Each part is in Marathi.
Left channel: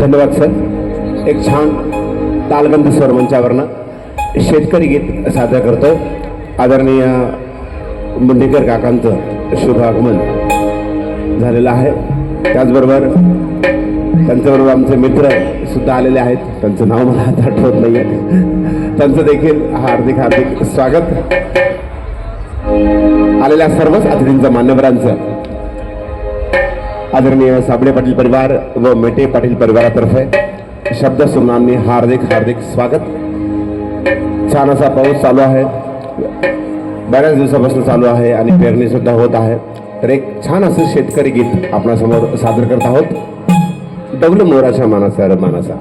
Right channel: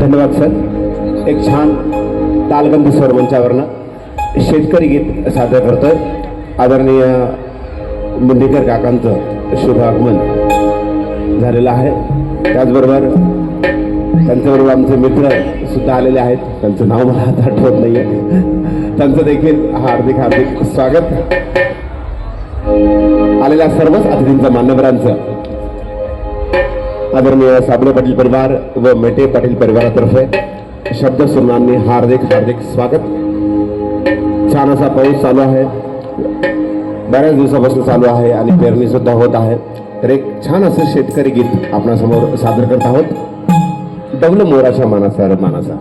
धन्यवाद सर. एक छान तालगंध सर मंचावरनं शेतकरी गीत सादर करतो आदरणीय मुंडेकर काकांचं शुभ आगमन झालेलं आहे. त्याचबरोबर त्यांच्याबरोबर आमचे मित्र सुद्धा आलेले आहेत. त्यांचं नाव मला आता आठवत नाही आहे त्यांचं देखील हार्दिक हार्दिक स्वागत. आलेल्या सर्वच अतिथींचं मान्यवरांचं आदरणीय साबळे पाटील परिवार व मेटे पाटील परिवारातर्फे शब्द सुमनांनी हार्दिक हार्दिक स्वागत. छान असा पाऊस चालू आहे. बऱ्याच दिवसापासून चालू आहे आणि पेरणी सुद्धा होत आहे. तर एक छान असं शेतकरी गीत आपणासमोर सादर करत आहोत. डौल मोराच्या मानसा र मानसा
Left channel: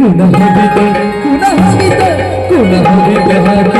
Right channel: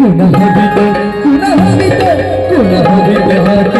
कुणा हवित कुणा हवित कुणा हवित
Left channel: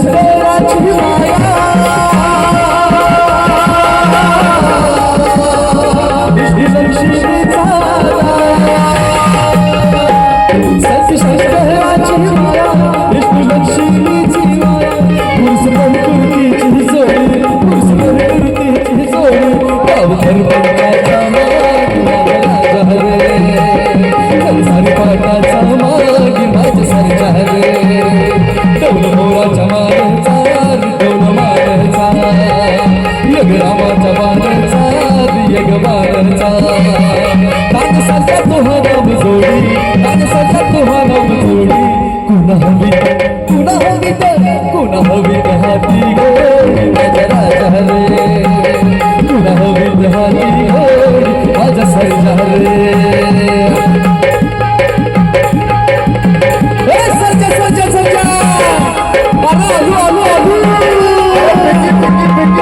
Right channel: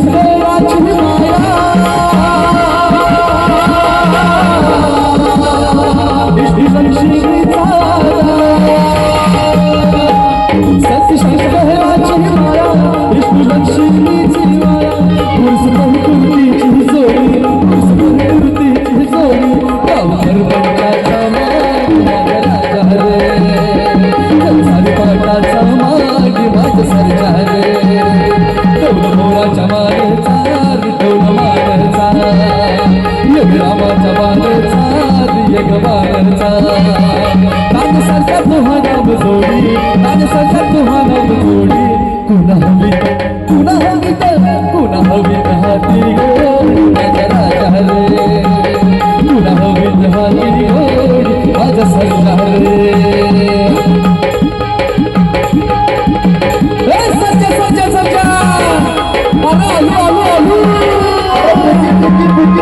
Thank you.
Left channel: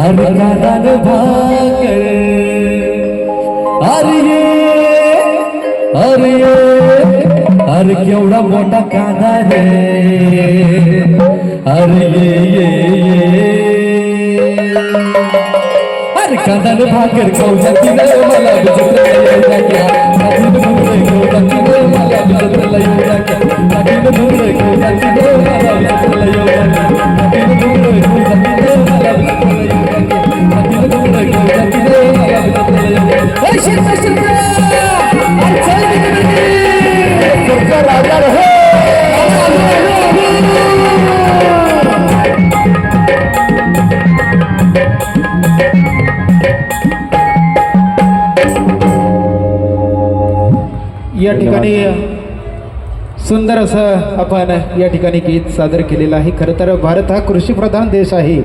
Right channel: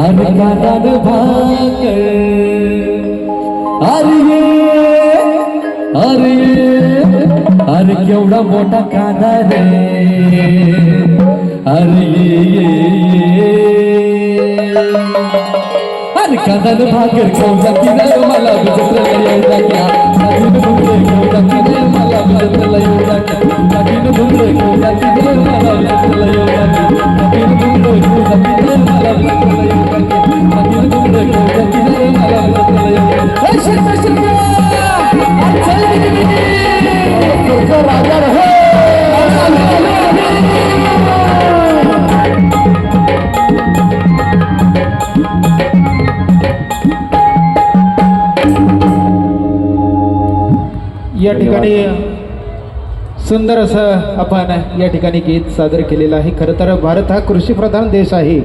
अरे अरे अरे केवढा मोठा कांदा रे अरे अरे कांदा भाकर खाऊ शकते मला तुझं प्रेम येऊ शकते मला या ठिकाणी सुंदर असं आपण या ठिकाणी गीत सादर केलेलं आहे. खरं तर भारत हा कृषीप्रधान देश आहे.